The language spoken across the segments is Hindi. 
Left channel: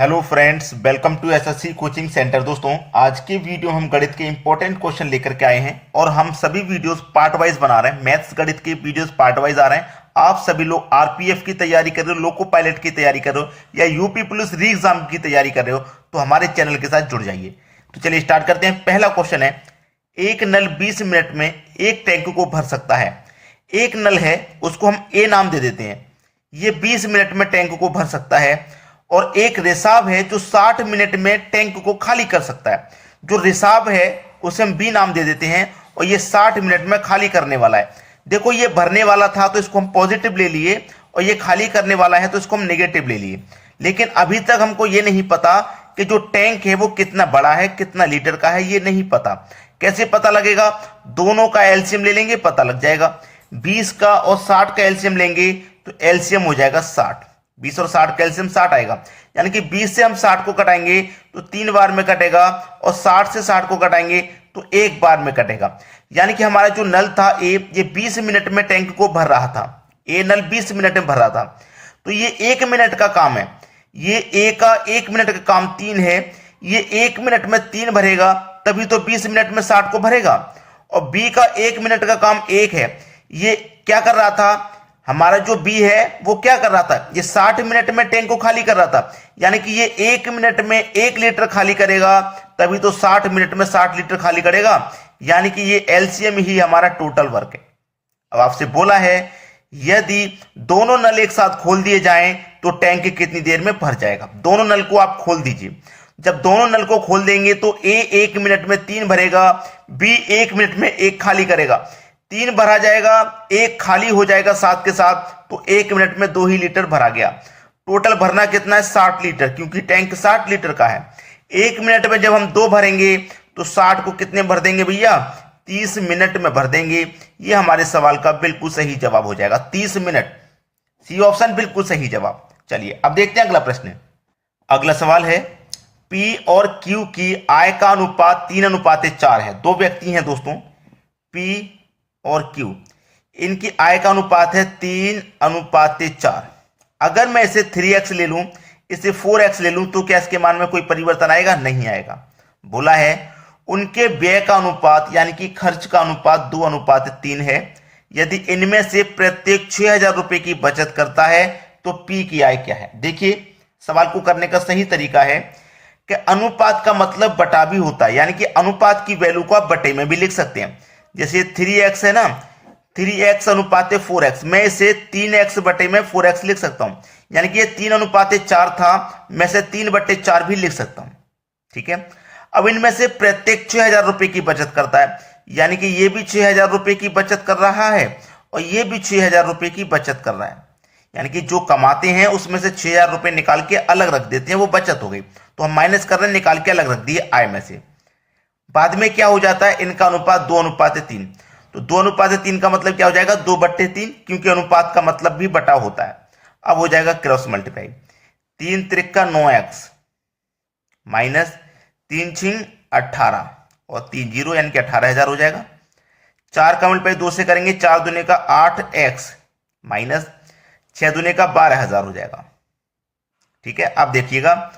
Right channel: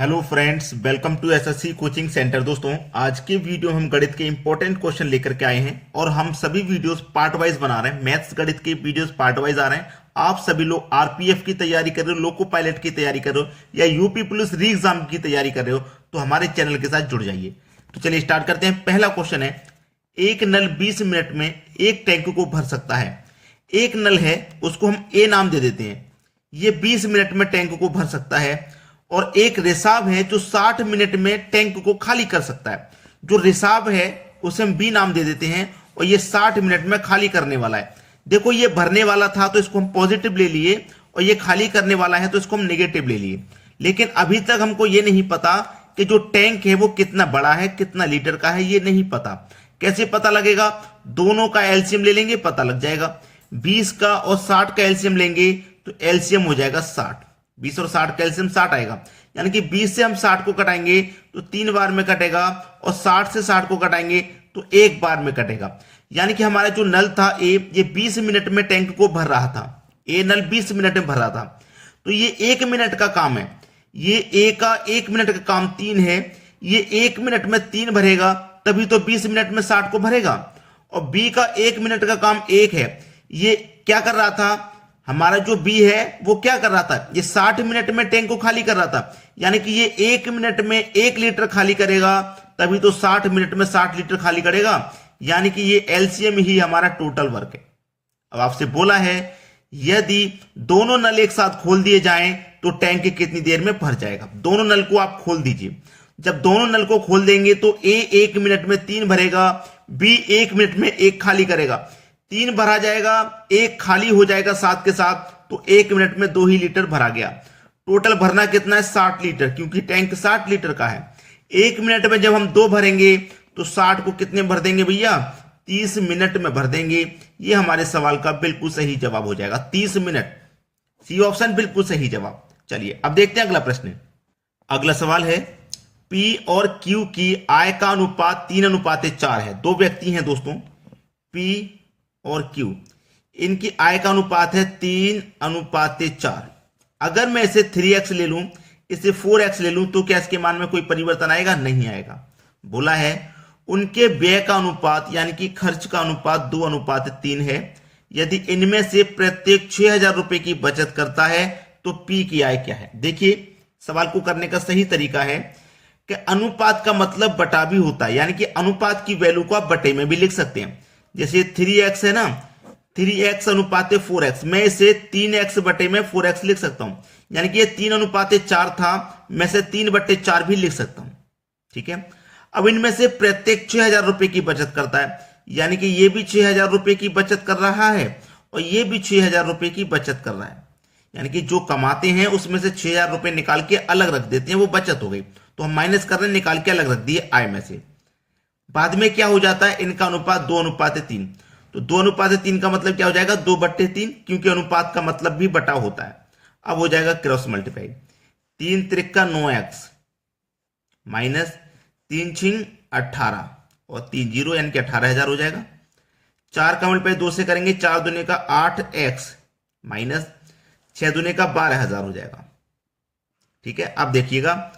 Hello friends, welcome to SSC coaching centre. दोस्तों, आज के वीडियो में हम गणित के इंपॉर्टेंट क्वेश्चन लेकर के आए हैं और हम सभी वीडियोस पार्ट वाइज बना रहे हैं। मैथ्स गणित के वीडियोस पार्ट वाइज आ रहे हैं। आप सभी लोग आरपीएफ की तैयारी कर रहे हो, लोको पायलट की तैयारी कर रहे हो या यूपी पुलिस री एग्जाम की तैयारी कर रहे हो तो हमारे चैनल के साथ जुड़ जाइए। तो चलिए स्टार्ट करते हैं। पहला क्वेश्चन है, एक नल 20 मिनट में एक टैंक को भर सकता है। एक नल है, उसको हम ए नाम दे देते हैं। ये 20 मिनट में टैंक को भर सकता है और एक रिसाव है जो 60 मिनट में टैंक को खाली कर सकता है। जो रिसाव है उसे हम बी नाम दे देते हैं और ये 60 मिनट में खाली करने वाला है। देखो, ये भरने वाला था तो इसको हम पॉजिटिव ले लिए और ये खाली करने वाला है तो इसको हम नेगेटिव ले लिए। लेकिन अभी तक हमको ये नहीं पता कि जो टैंक है वो कितना बड़ा है, कितना लीटर का है, ये नहीं पता। कैसे पता लगेगा? दोनों का एलसीएम ले लेंगे, पता लग जाएगा। 20 का और 60 का एलसीएम लेंगे तो एलसीएम हो जाएगा 60। 20 और 60 का एलसीएम 60 आएगा, यानी कि 20 से हम 60 को कटाएंगे तो 3 बार में कटेगा और 60 से 60 को कटाएंगे तो 1 बार में कटेगा। यानी कि हमारा जो नल था ए, ये 20 मिनट में टैंक को भर रहा था। ए नल 20 मिनट में भर रहा था तो ये 1 मिनट का काम है। ये ए का 1 मिनट का काम 3 है। ये 1 मिनट में 3 भरेगा तभी तो 20 मिनट में 60 को भरेगा। और बी का 1 मिनट का काम 1 है। ये क्या कर रहा था? हमारा जो बी है वो क्या कर रहा था? ये 60 मिनट में टैंक को खाली कर रहा था, यानी कि ये 1 मिनट में 1 लीटर खाली करेगा तभी तो 60 मिनट में 60 लीटर खाली करेगा। यानी कि ये एलसीएम ही हमारा टोटल वर्क है। अब आपसे बोला है यदि दोनों नल एक साथ खोल दिए जाएं तो टैंक कितनी देर में भर जाएगा। दोनों नल को आप खोल दीजिए। जब दोनों नल को खोल देंगे तो ए 1 मिनट में 3 भरेगा, बी 1 मिनट में 1 खाली करेगा। 3 भरा जाएगा, 1 खाली हो जाएगा साथ के साथ, तो 1 मिनट में 2 ही लीटर भरा गया। टोटल भरना कितना है? 60 लीटर, क्योंकि टैंक 60 लीटर का है। 1 मिनट में जब हम 2 भरेंगे तो 60 को कितने भर देंगे भैया? 30 मिनट में भर देंगे। ये हमारे सवाल का बिल्कुल सही जवाब हो जाएगा, 30 मिनट। सी ऑप्शन बिल्कुल सही जवाब। चलिए अब देखते हैं अगला प्रश्न। अगला सवाल है, पी और क्यू की आय का अनुपात 3:4 है। दो व्यक्ति हैं दोस्तों, पी और क्यू, इनकी आय का अनुपात है 3:4। अगर मैं इसे 3x ले लूं, इसे 4x ले लूं तो क्या इसके मान में कोई परिवर्तन आएगा? नहीं आएगा। बोला है उनके व्यय का अनुपात यानी कि खर्च का अनुपात 2:3 है। यदि इनमें से प्रत्येक 6,000 रुपए की बचत करता है तो पी की आय क्या है? देखिए, सवाल को करने का सही तरीका है कि अनुपात का मतलब बटा भी होता है, यानी कि अनुपात की वैल्यू को आप बटे में भी लिख सकते हैं। जैसे 3x है ना, 3x अनुपात 4x, मैं इसे 3x बटे में 4x लिख सकता हूं। यानी कि ये 3:4 था, मैं इसे 3/4 भी लिख सकता हूं। ठीक है। अब इनमें से प्रत्येक 6,000 रुपए की बचत करता है, यानी कि ये भी 6,000 रुपए की बचत कर रहा है और ये भी 6,000 रुपए की बचत कर रहा है। यानी कि जो कमाते हैं उसमें से 6,000 रुपए निकाल के अलग रख देते हैं, वो बचत हो गई। तो हम माइनस कर रहे हैं, निकाल के अलग रख दिए आय में से। बाद में क्या हो जाता है? इनका अनुपात 2:3। तो 2:3 का मतलब क्या हो जाएगा? 2/3, क्योंकि अनुपात का मतलब भी बटा होता है। अब हो जाएगा cross multiply. 3 Trika 9x minus 3 6 18 और 3 0, यानी कि 18,000 हो जाएगा। 4 का मल्टीप्लाई 2 से करेंगे, 4 दूने का 8x माइनस 6 दूने का 12,000 हो जाएगा। ठीक है। अब देखिएगा,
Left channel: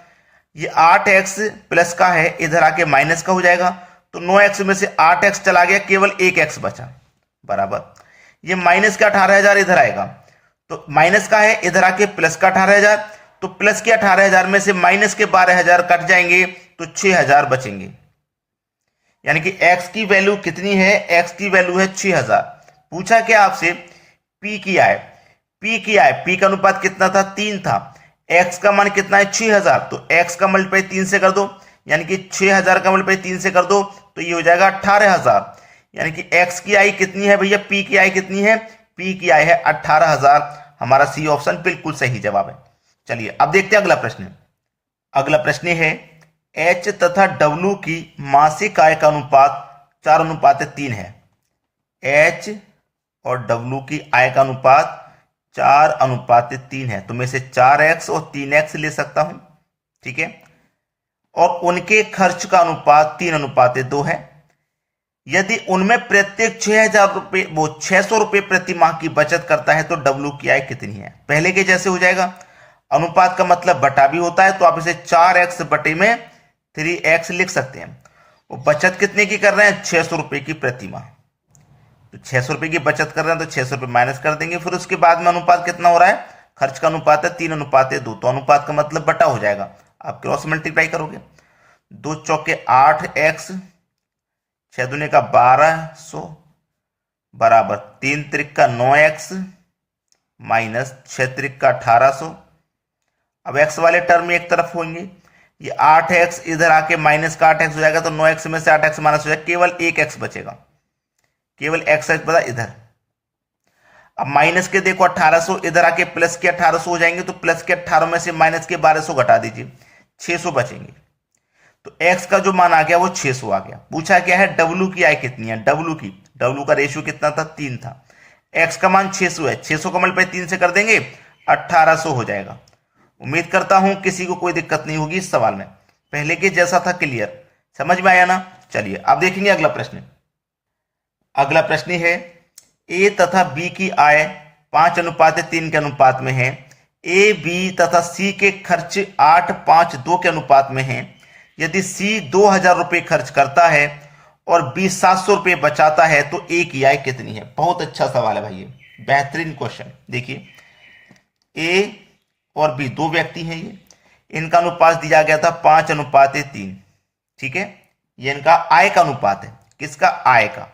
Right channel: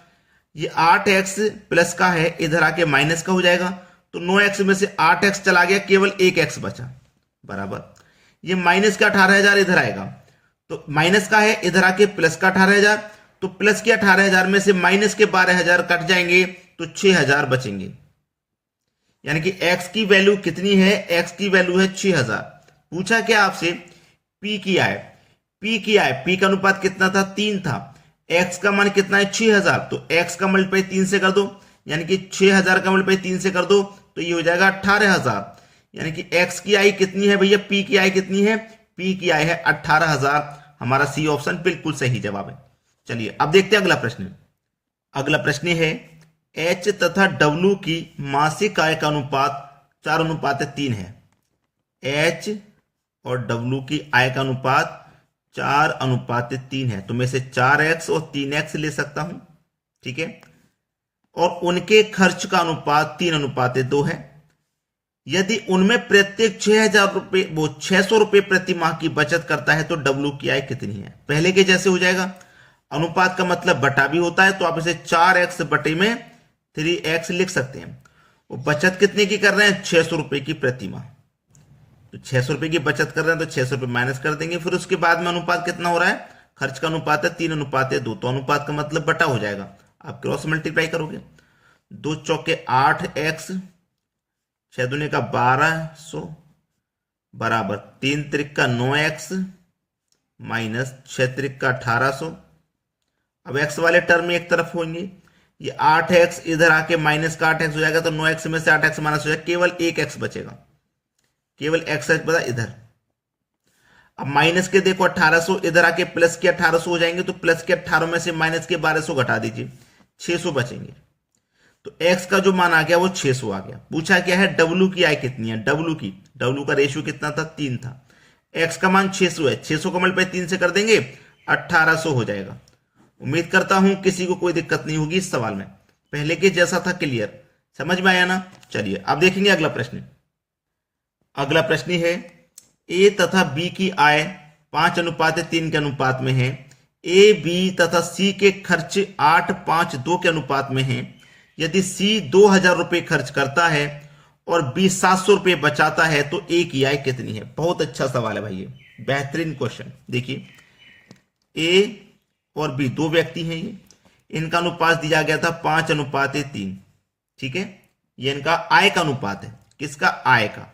ये 8x प्लस का है, इधर आके माइनस का हो जाएगा। तो 9x में से 8x चला गया, केवल 1x बचा, बराबर ये माइनस का 18,000 इधर आएगा। तो माइनस का है, इधर आके प्लस का 18,000, तो प्लस के 18,000 में से माइनस के 12,000 कट जाएंगे तो 6,000 बचेंगे। यानी कि x की वैल्यू कितनी है? x की वैल्यू है 6,000। पूछा क्या आपसे? p की आय। p की आय, p का अनुपात कितना था? 3 था। x का मान कितना है? 6,000। तो x का मल्टीप्लाई 3 से कर दो, यानी कि 6,000 का मल्टीप्लाई 3 से कर दो तो ये हो जाएगा 18,000। यानी कि x की आय कितनी है भैया? p की आय कितनी है? p की आय है 18,000। हमारा सी ऑप्शन बिल्कुल सही जवाब है। चलिए अब देखते हैं अगला प्रश्न। अगला प्रश्न है, h तथा w की मासिक आय का अनुपात 4:3 है। h और w की आय का अनुपात 4:3 है, तो मैं इसे 4x और 3x ले सकता हूं। ठीक है। और उनके खर्च का अनुपात 3:2 है। यदि उनमें प्रत्येक 6,000 रुपए, वो 600 रुपए प्रति माह की बचत करता है तो डब्ल्यू की आय कितनी है? पहले के जैसे हो जाएगा। अनुपात का मतलब बटा भी होता है, तो आप इसे 4x बटे में 3x लिख सकते हैं। वो बचत कितने की कर रहे हैं? 600 रुपए की प्रति माह। तो 600 रुपए की बचत कर रहे हैं तो 600 रुपए माइनस कर देंगे। फिर उसके बाद में अनुपात कितना हो रहा है? खर्च का अनुपात है 3:2, तो अनुपात का मतलब बटा हो जाएगा। आप क्रॉस मल्टीप्लाई करोगे, 2 चौके 8x, 6 दूने का 1200 बराबर 3 त्रिक का 9x माइनस 6 त्रिक का 1800। अब x वाले टर्म एक तरफ होंगे, ये 8x इधर आके माइनस का 8x हो जाएगा, तो 9x में से 8x माइनस हो जाएगा, केवल एक x बचेगा, केवल x बचा इधर। अब माइनस के देखो 1800 इधर आके प्लस के 1800 हो जाएंगे, तो प्लस के 18 में से माइनस के 1200 घटा दीजिए, 600 बचेंगे। तो x का जो मान आ गया वो 600 आ गया। पूछा क्या है? w की आय कितनी है? w का रेशियो कितना था? 3 था। x का मान 600 है, 600 का मल्टीप्लाई 3 से कर देंगे 1800 हो जाएगा। उम्मीद करता हूं किसी को कोई दिक्कत नहीं होगी इस सवाल में, पहले के जैसा था, क्लियर, समझ में आया ना? चलिए अब देखेंगे अगला प्रश्न। अगला प्रश्न है ए तथा बी की आय 5:3 के अनुपात में है, ए बी तथा सी के खर्च 8:5:2 के अनुपात में है। यदि सी 2000 रुपए खर्च करता है और बी 700 रुपए बचाता है तो ए की आय कितनी है? बहुत अच्छा सवाल है भाई, ये बेहतरीन क्वेश्चन। देखिए, ए और बी दो व्यक्ति हैं, ये इनका अनुपात दिया गया था 5:3, ठीक है। ये इनका आय का अनुपात है। किसका? आय का।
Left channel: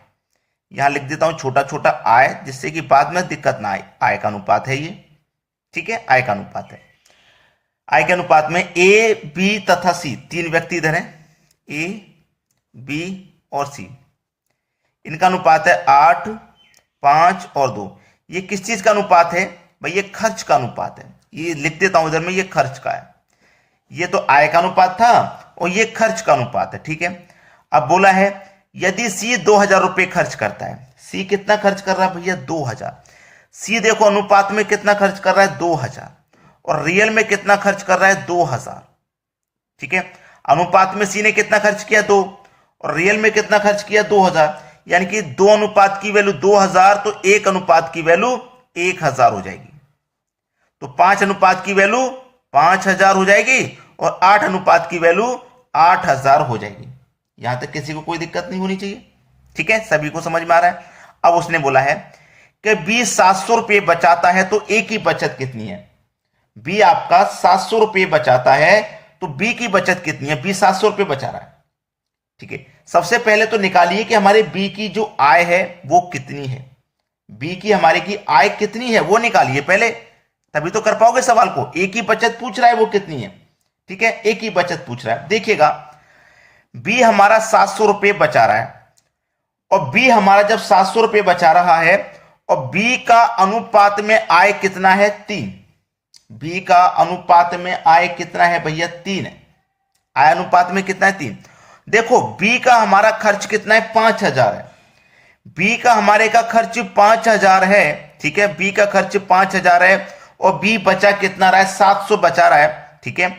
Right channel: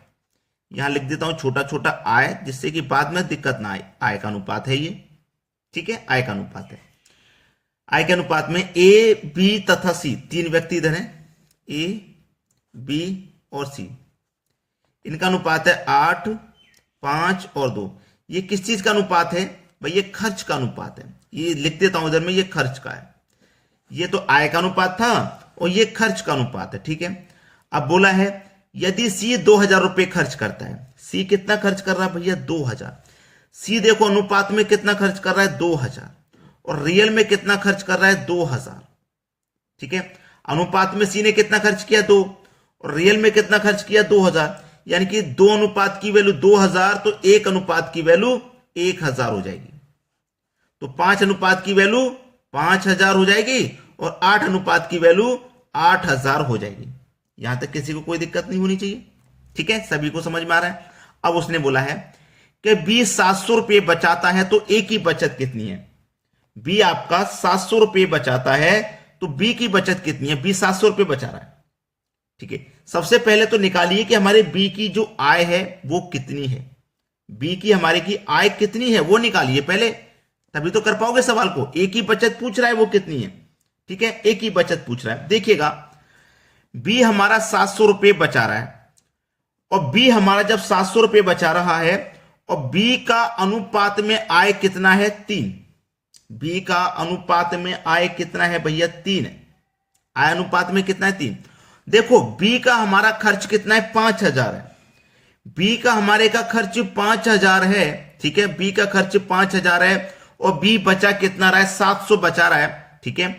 यहां लिख देता हूं छोटा छोटा आय, जिससे कि बाद में दिक्कत ना आए। आय का अनुपात है ये, ठीक है, आय का अनुपात है। आय के अनुपात में ए बी तथा सी, तीन व्यक्ति इधर हैं, ए बी और सी, इनका अनुपात है 8, 5 और 2। ये किस चीज का अनुपात है भाई? ये खर्च का अनुपात है। ये लिख देता हूं इधर में, ये खर्च का है। ये तो आय का अनुपात था और ये खर्च का अनुपात है, ठीक है। अब बोला है यदि सी 2000 रुपए खर्च करता है, सी कितना खर्च कर रहा है भैया? 2000। सी देखो अनुपात में कितना खर्च कर रहा है? 2000, और रियल में कितना खर्च कर रहा है? 2000, ठीक है। अनुपात में सी ने कितना खर्च किया? 2, और रियल में कितना खर्च किया? 2000। यानी कि 2 अनुपात की वैल्यू 2000, तो 1 अनुपात की वैल्यू 1000 हो जाएगी। तो 5 अनुपात की वैल्यू 5000 हो जाएगी और 8 अनुपात की वैल्यू 8000 हो जाएगी। यहां तक किसी को कोई दिक्कत नहीं होनी चाहिए, ठीक है, सभी को समझ में आ रहा है। अब उसने बोला है कि बी 700 रुपए बचाता है तो ए की बचत कितनी है? बी आपका 700 रुपए बचाता है तो बी की बचत कितनी है? बी 700 रुपए बचा रहा है, ठीक है। सबसे पहले तो निकालिए कि हमारे बी की जो आय है वो कितनी है। बी की हमारे की आय कितनी है वो निकालिए पहले, तभी तो कर पाओगे सवाल को। ए की बचत पूछ रहा है वो कितनी है, ठीक है, ए की बचत पूछ रहा है। देखिएगा, बी हमारा 700 रुपए बचा रहा है, और बी हमारा जब 700 रुपए बचा रहा है और बी का अनुपात में आय कितना है? 3। बी का अनुपात में आय कितना है भैया? 3 है। आय अनुपात में कितना है? 3। देखो, बी का हमारा खर्च कितना है? 5000 है। बी का हमारे का खर्च 5000 है, ठीक है, बी का खर्च 5000 है और बी बचा कितना रहा है? 700 बचा रहा है, ठीक है।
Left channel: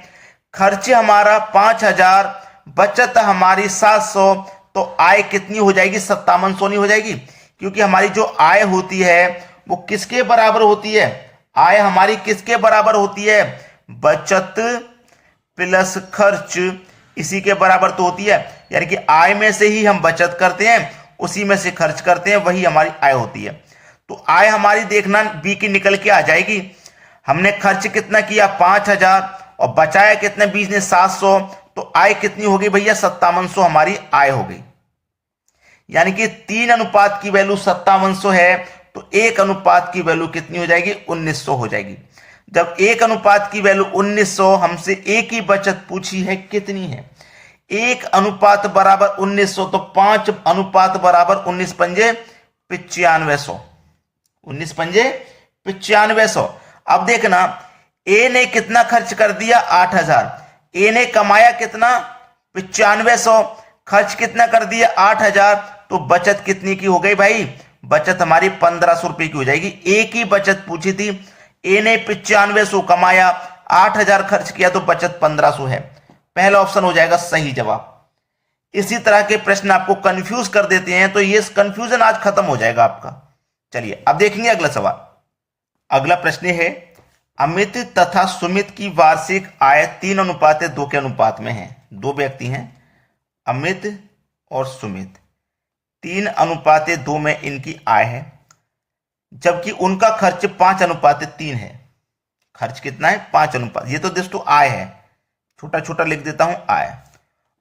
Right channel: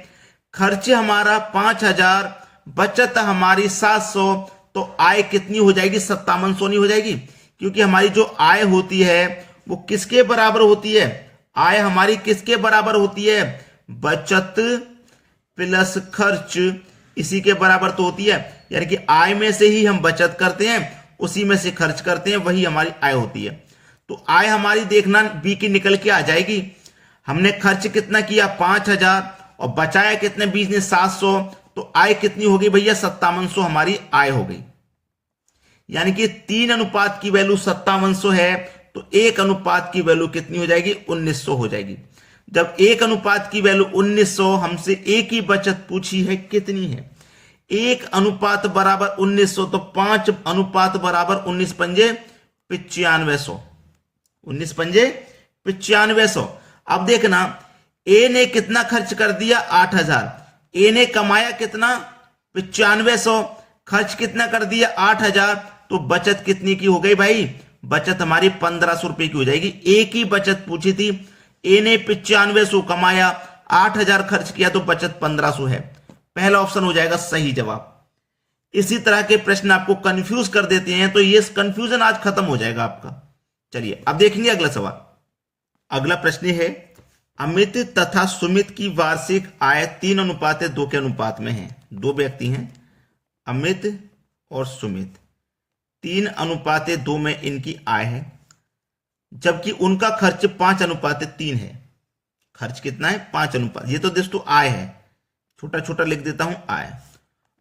खर्च हमारा 5000, बचत हमारी 700, तो आय कितनी हो जाएगी? 5700 नहीं हो जाएगी? क्योंकि हमारी जो आय होती है वो किसके बराबर होती है? आय हमारी किसके बराबर होती है? बचत प्लस खर्च, इसी के बराबर तो होती है। यानी कि आय में से ही हम बचत करते हैं, उसी में से खर्च करते हैं, वही हमारी आय होती है। तो आय हमारी देखना बी की निकल के आ जाएगी। हमने खर्च कितना किया? 5000, और बचाया कितने? बी ने 700, तो आय कितनी हो गई भैया? 5700 हमारी आय हो गई। यानी कि 3 अनुपात की वैल्यू 5700 है, तो 1 अनुपात की वैल्यू कितनी हो जाएगी? 1900 हो जाएगी। जब 1 अनुपात की वैल्यू 1900, हमसे ए की बचत पूछी है कितनी है? 1 अनुपात बराबर 1900, तो 5 अनुपात बराबर 19 पंजे 9500, 19 पंजे 9500। अब देखना, ए ने कितना खर्च कर दिया? 8000। ए ने कमाया कितना? 9500। खर्च कितना कर दिया? 8000। तो बचत कितनी की हो गई भाई? बचत हमारी 1500 रुपए की हो जाएगी। ए की बचत पूछी थी, ए ने 9500 कमाया, 8000 खर्च किया, तो बचत 1500 है। पहला ऑप्शन हो जाएगा सही जवाब। इसी तरह के प्रश्न आपको कंफ्यूज कर देते हैं, तो ये कंफ्यूजन आज खत्म हो जाएगा आपका। चलिए अब देखेंगे अगला सवाल। अगला प्रश्न है अमित तथा सुमित की वार्षिक आय 3:2 के अनुपात में है। दो व्यक्ति हैं, अमित और सुमित, 3:2 में इनकी आय है, जबकि उनका खर्च 5:3 है। खर्च कितना है? 5 ये तो दोस्तों आय है, छोटा छोटा लिख देता हूं आय।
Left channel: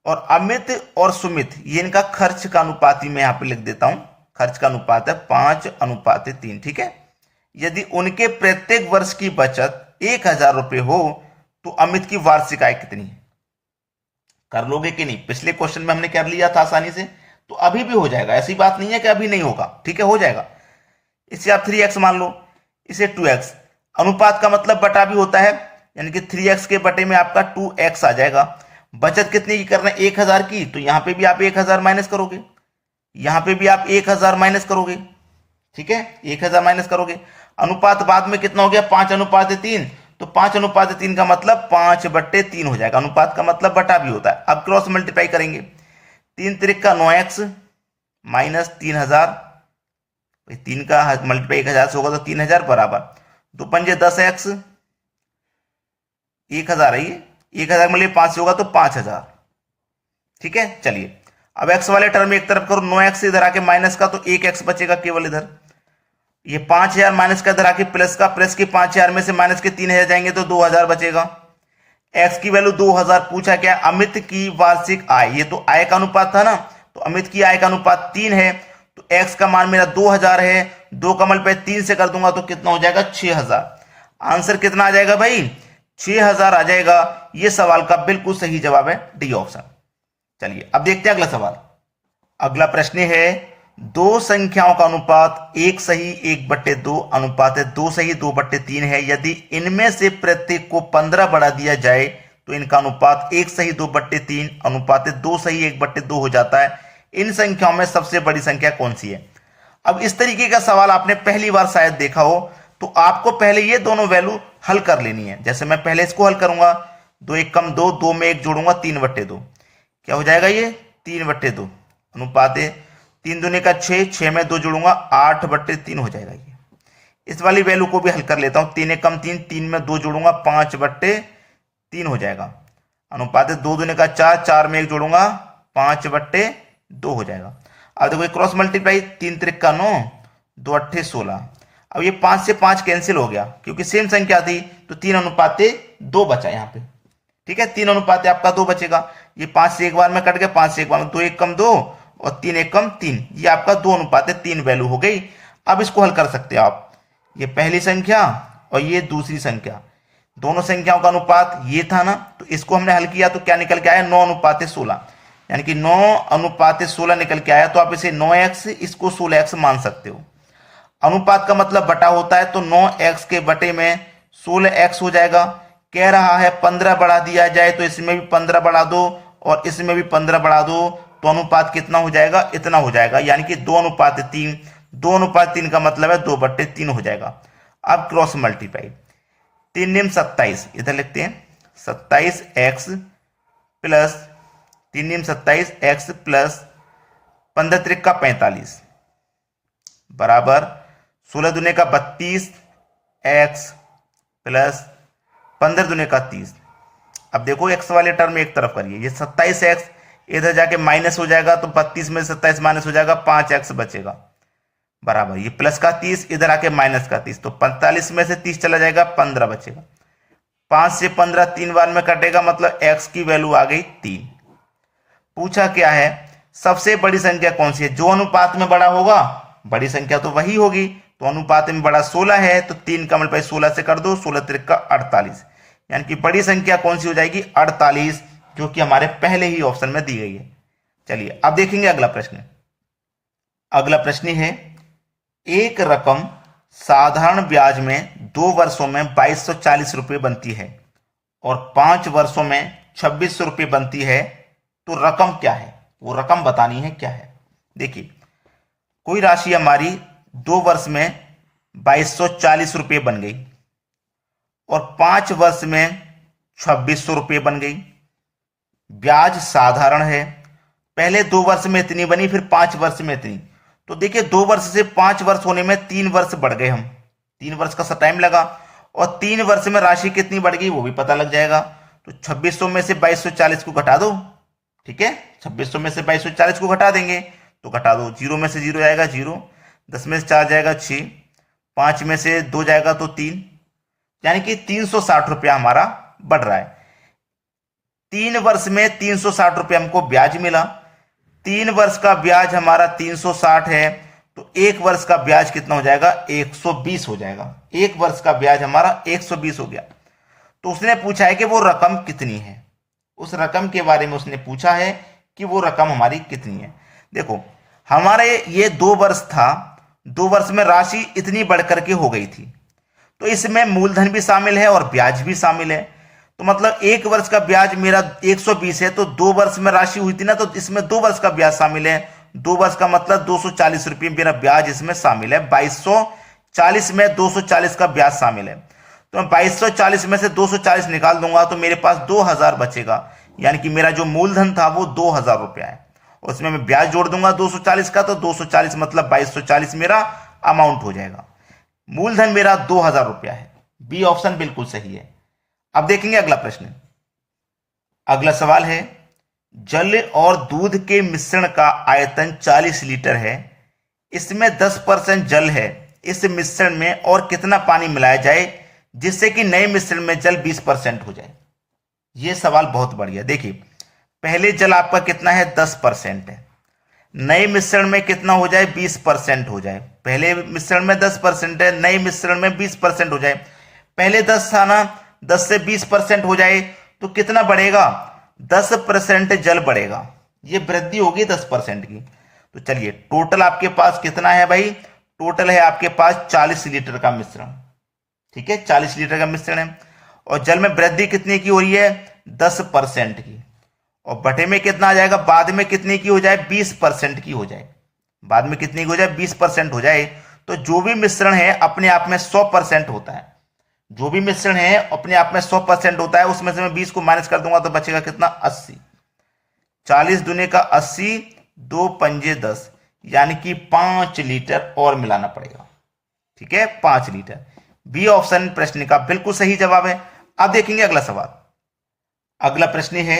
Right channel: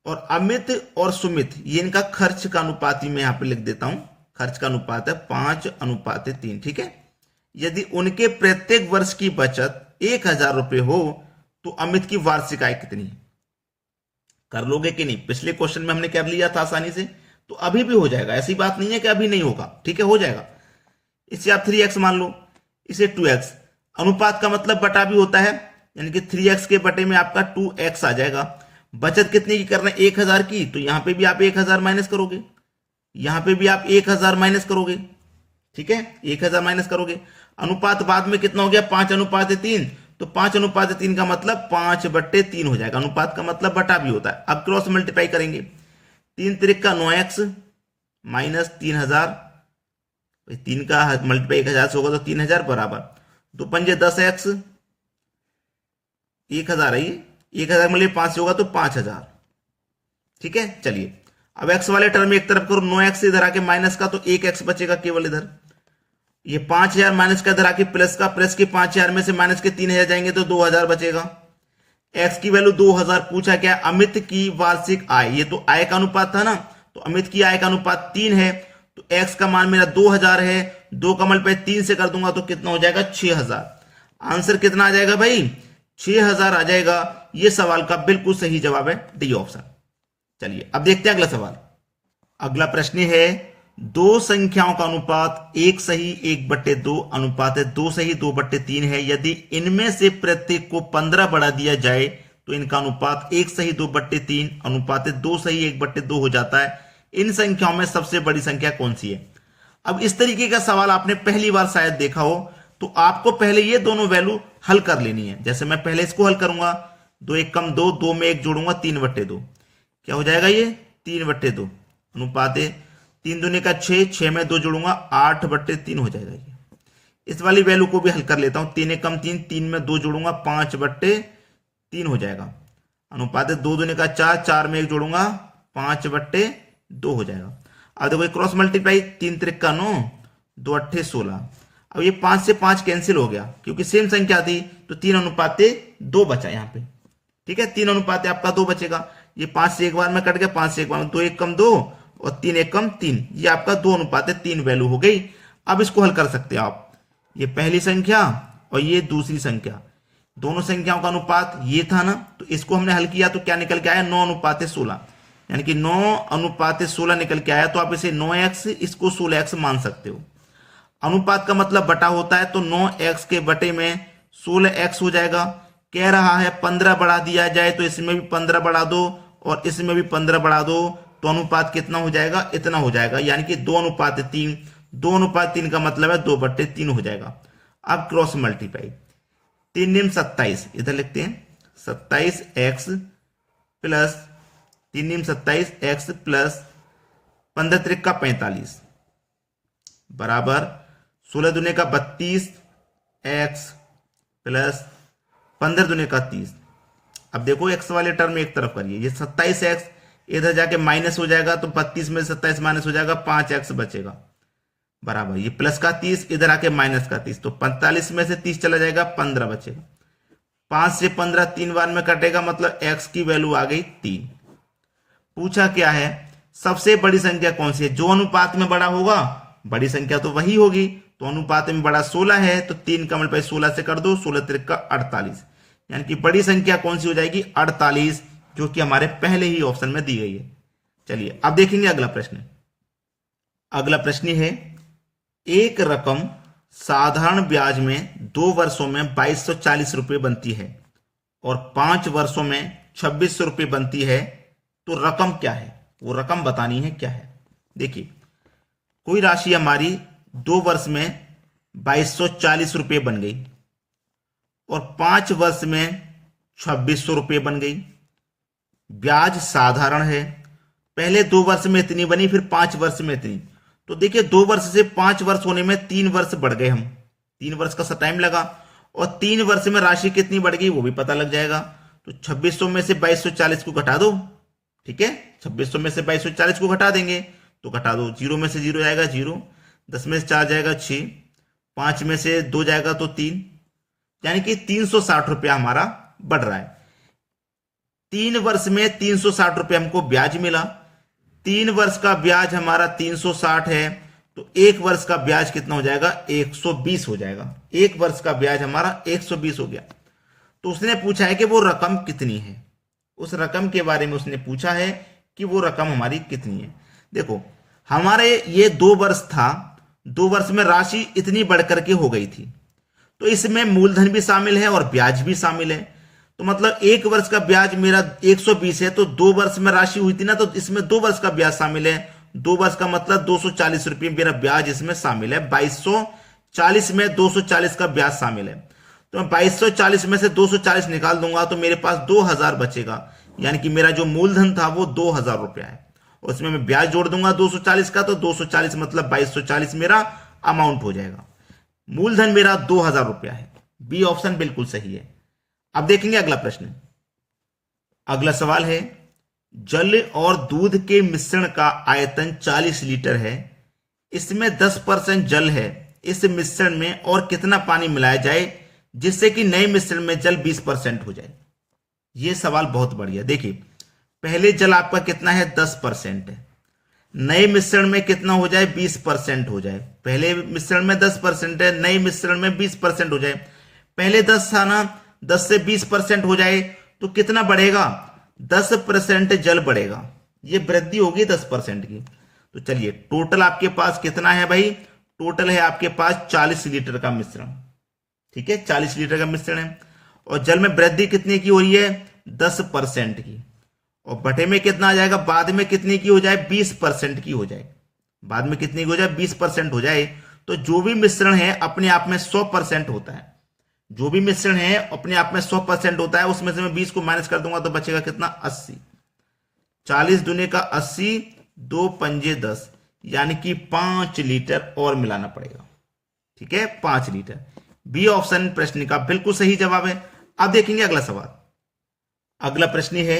और अमित और सुमित ये इनका खर्च का अनुपात ही मैं यहां पे लिख देता हूं, खर्च का अनुपात है 5:3। ठीक है। यदि उनके प्रत्येक वर्ष की बचत 1,000 रुपये हो तो अमित की वार्षिक आय कितनी है? कर लोगे कि नहीं? पिछले क्वेश्चन में हमने कर लिया था आसानी से, तो अभी भी हो जाएगा, ऐसी बात नहीं है कि अभी नहीं होगा। ठीक है, हो जाएगा। इसे आप 3x मान लो, इसे 2x। अनुपात का मतलब बटा भी होता है, यानी कि 3x के बटे में आपका 2x आ जाएगा। बचत कितनी की करना है? 1,000 की, तो यहां पे भी आप 1,000 माइनस करोगे, यहां पे भी आप 1,000 माइनस करोगे। ठीक है, 1,000 माइनस करोगे। अनुपात बाद में कितना हो गया? 5:3। तो 5:3 का मतलब 5/3 हो जाएगा। अनुपात का मतलब बटा भी होता है। अब क्रॉस मल्टीप्लाई करेंगे, 3 त्रिक का 9x माइनस 3,000, 3 का मल्टीप्लाई 1,000 से होगा तो 3,000 बराबर 2 पंजे 10x, 1,000 है ये, 1,000 मतलब 5 से होगा तो 5,000। ठीक है, चलिए अब x वाले टर्म एक तरफ करो, 9x इधर आके माइनस का, तो 1x बचेगा केवल इधर। ये 5,000 माइनस का इधर आके प्लस का, प्लस के 5,000 में से माइनस के 3,000 जाएंगे तो 2,000 बचेगा। x की वैल्यू 2,000 पूछा क्या? अमित की वार्षिक आय, ये तो आय का अनुपात था ना, तो अमित की आय का अनुपात 3 है, तो x का मान मेरा 2,000 है। 2 का मल्टीप्लाई 3 से कर दूंगा तो कितना हो जाएगा? 6,000। आंसर कितना आ जाएगा भाई? 6,000 आ जाएगा। ये सवाल का बिल्कुल सही जवाब है डी ऑप्शन। चलिए अब देखते हैं अगला सवाल। अगला प्रश्न है, दो संख्याओं का अनुपात 1 सही 1/2 अनुपात है 2 सही 2/3 है। यदि इनमें से प्रत्येक को 15 बढ़ा दिया जाए तो इनका अनुपात 1 सही 2/3 अनुपात है 2 सही 1/2 हो जाता है। इन संख्याओं में सबसे बड़ी संख्या कौन सी है? अब इस तरीके का सवाल आपने पहली बार शायद देखा हो, तो आपको पहले ये दोनों वैल्यू हल कर लेनी है। जैसे मैं पहले इसको हल करूंगा, 2 1 कम 2, 2 में 1 जोड़ूंगा 3/2, क्या हो जाएगा? ये 3/2 अनुपात है 3 दूनी का 6, 6 में 2 जोड़ूंगा 8/3 हो जाएगा। ये इस वाली वैल्यू को भी हल कर लेता हूं, 3 1 कम 3, 3 में 2 जोड़ूंगा 5/3 हो जाएगा। अनुपात है 2 दूनी का 4, 4 में 1 जोड़ूंगा 5/2 हो जाएगा। अब देखो क्रॉस मल्टीप्लाई, 3 त्रिक का 9, 2 8 16। अब ये 5 से 5 कैंसिल हो गया क्योंकि सेम संख्या थी, तो 3:2 बचा यहाँ पे। ठीक है, 3:2 आपका 2 बचेगा। ये 5 से एक बार में कट गया, 5 से एक बार में 2 1 कम 2 और 3 1 कम 3, ये आपका 2:3 वैल्यू हो गई। अब इसको हल कर सकते हैं आप, ये पहली संख्या और ये दूसरी संख्या, दोनों संख्याओं का अनुपात ये था ना, तो इसको हमने हल किया तो क्या निकल के आया? 9:16, यानी कि 9:16 निकल के आया। तो आप इसे 9x, इसको 16x मान सकते हो। अनुपात का मतलब बटा होता है, तो 9x के बटे में 16x हो जाएगा। कह रहा है 15 बढ़ा दिया जाए, तो इसमें भी 15 बढ़ा दो और इसमें भी 15 बढ़ा दो, तो अनुपात कितना हो जाएगा? इतना हो जाएगा, यानी कि 2:3। 2:3 का मतलब है 2/3 हो जाएगा। अब क्रॉस मल्टीप्लाई, 3 निम 27, इधर लिखते हैं 27x प्लस 3 निम 27x प्लस 15 त्रिक का 45 बराबर 16 दूने का 32x प्लस 15 दूने का 30। अब देखो x वाले टर्म एक तरफ करिए, ये 27x इधर जाके माइनस हो जाएगा, तो 32 में 27 माइनस हो जाएगा, 5x बचेगा बराबर ये प्लस का 30 इधर आके माइनस का 30, तो 45 में से 30 चला जाएगा, 15 बचेगा। 5 से 15 3 बार में कटेगा, मतलब x की वैल्यू आ गई 3। पूछा क्या है? सबसे बड़ी संख्या कौन सी है? जो अनुपात में बड़ा होगा बड़ी संख्या तो वही होगी। तो अनुपात में बड़ा 16 है, तो 3 का मल्टीप्लाई 16 से कर दो, 16 त्रिक का 48, यानी कि बड़ी संख्या कौन सी हो जाएगी? 48, जो कि हमारे पहले ही ऑप्शन में दी गई है। चलिए अब देखेंगे अगला प्रश्न। अगला प्रश्न है, एक रकम साधारण ब्याज में 2 वर्षों में 2240 रुपये बनती है और 5 वर्षों में 2600 रुपये बनती है, तो रकम क्या है? वो रकम बतानी है क्या है। देखिए, कोई राशि हमारी 2 वर्ष में 2240 रुपये बन गई और 5 वर्ष में 2600 रुपये बन गई। ब्याज साधारण है, पहले 2 वर्ष में इतनी बनी, फिर 5 वर्ष में इतनी। तो देखिए 2 वर्ष से 5 वर्ष होने में 3 वर्ष बढ़ गए हम, 3 वर्ष का सा टाइम लगा। और 3 वर्ष में राशि कितनी बढ़ गई वो भी पता लग जाएगा। तो 2600 में से 2240 को घटा दो, ठीक है, 2600 में से 2240 को घटा देंगे तो घटा दो, 0 में से 0 जाएगा 0, 10 में से 4 जाएगा 6, 5 में से 2 जाएगा तो 3, यानी कि 360 रुपया हमारा बढ़ रहा है। 3 वर्ष में 360 रुपये हमको ब्याज मिला। 3 वर्ष का ब्याज हमारा 360 है, तो 1 वर्ष का ब्याज कितना हो जाएगा, 120 हो जाएगा। 1 वर्ष का ब्याज हमारा 120 हो गया। तो उसने पूछा है कि वो रकम कितनी है, उस रकम के बारे में उसने पूछा है कि वो रकम हमारी कितनी है। देखो हमारे ये 2 वर्ष था, 2 वर्ष में राशि इतनी बढ़कर के हो गई थी, तो इसमें मूलधन भी शामिल है और ब्याज भी शामिल है। तो मतलब 1 वर्ष का ब्याज मेरा 120 है, तो 2 वर्ष में राशि हुई थी ना, तो इसमें 2 वर्ष का ब्याज शामिल है। 2 वर्ष का मतलब 240 रुपये मेरा ब्याज इसमें शामिल है। 2240 में 240 का ब्याज शामिल है, तो मैं 2240 में से 240 निकाल दूंगा तो मेरे पास 2000 बचेगा, यानी कि मेरा जो मूलधन था वो 2000 रुपया है। उसमें मैं ब्याज जोड़ दूंगा 240 का, तो 240 मतलब 2240 मेरा अमाउंट हो जाएगा। मूलधन मेरा 2000 रुपया है। बी ऑप्शन बिल्कुल सही है। अब देखेंगे अगला प्रश्न। अगला सवाल है, जल और दूध के मिश्रण का आयतन 40 लीटर है, इसमें 10% जल है, इस मिश्रण में और कितना पानी मिलाया जाए जिससे कि नए मिश्रण में जल 20% हो जाए। यह सवाल बहुत बढ़िया। देखिए पहले जल आपका कितना है, 10% है, नए मिश्रण में कितना हो जाए, 20% हो जाए। पहले मिश्रण में 10% है, नए मिश्रण में 20% हो जाए। पहले 10 था ना, 10 से 20% हो जाए तो कितना बढ़ेगा, 10% जल बढ़ेगा। ये वृद्धि होगी 10% की। तो चलिए टोटल आपके पास कितना है भाई, टोटल है आपके पास 40 लीटर का मिश्रण, ठीक है, 40 लीटर का मिश्रण है। और जल में वृद्धि कितने की हो रही है, 10% की। और बटे में कितना आ जाएगा, बाद में कितने की हो जाए, 20% की हो जाए। बाद में कितनी की हो जाए, 20% हो जाए। तो जो भी मिश्रण है अपने आप में 100% होता है। जो भी मिश्रण है अपने आप में 100% होता है। उसमें से मैं 20 को माइनस कर दूंगा तो बचेगा कितना, 80। 40 दूने का 80, 2 पंजे 10, यानी कि 5 लीटर और मिलाना पड़ेगा, ठीक है, 5 लीटर। बी ऑप्शन प्रश्न का बिल्कुल सही जवाब है। अब देखेंगे अगला सवाल। अगला प्रश्न है,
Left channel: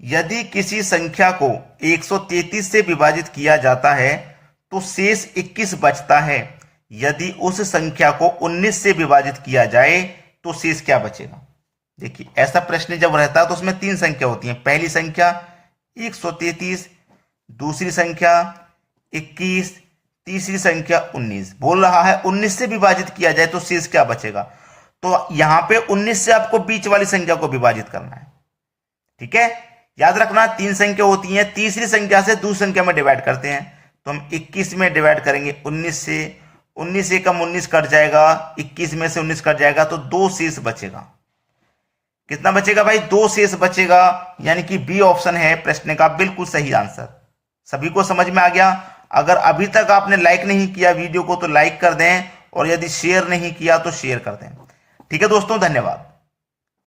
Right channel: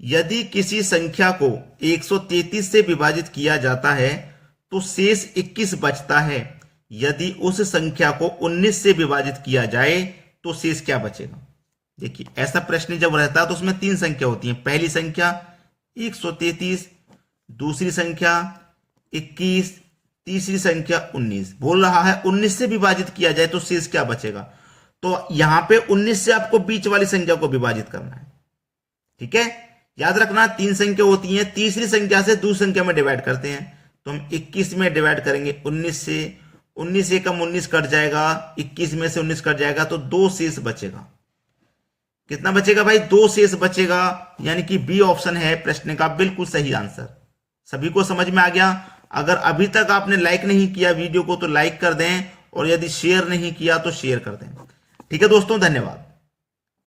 यदि किसी संख्या को 133 से विभाजित किया जाता है तो शेष 21 बचता है, यदि उस संख्या को 19 से विभाजित किया जाए तो शेष क्या बचेगा। देखिए ऐसा प्रश्न जब रहता है तो उसमें 3 संख्या होती हैं। पहली संख्या 133, दूसरी संख्या 21, तीसरी संख्या 19। बोल रहा है 19 से विभाजित किया जाए तो शेष क्या बचेगा। तो यहां पे 19 से आपको बीच वाली संख्या को विभाजित करना है, ठीक है। याद रखना 3 संख्या होती हैं, तीसरी संख्या से दूसरी संख्या में डिवाइड करते हैं। तो हम 21 में डिवाइड करेंगे 19 से, 19 से कम 19 कट जाएगा, 21 में से 19 कट जाएगा तो 2 शेष बचेगा। कितना बचेगा भाई, 2 शेष बचेगा, यानी कि बी ऑप्शन है प्रश्न का बिल्कुल सही आंसर। सभी को समझ में आ गया। अगर अभी तक आपने लाइक नहीं किया वीडियो को तो लाइक कर दें, और यदि शेयर नहीं किया तो शेयर कर दें। ठीक है दोस्तों, धन्यवाद।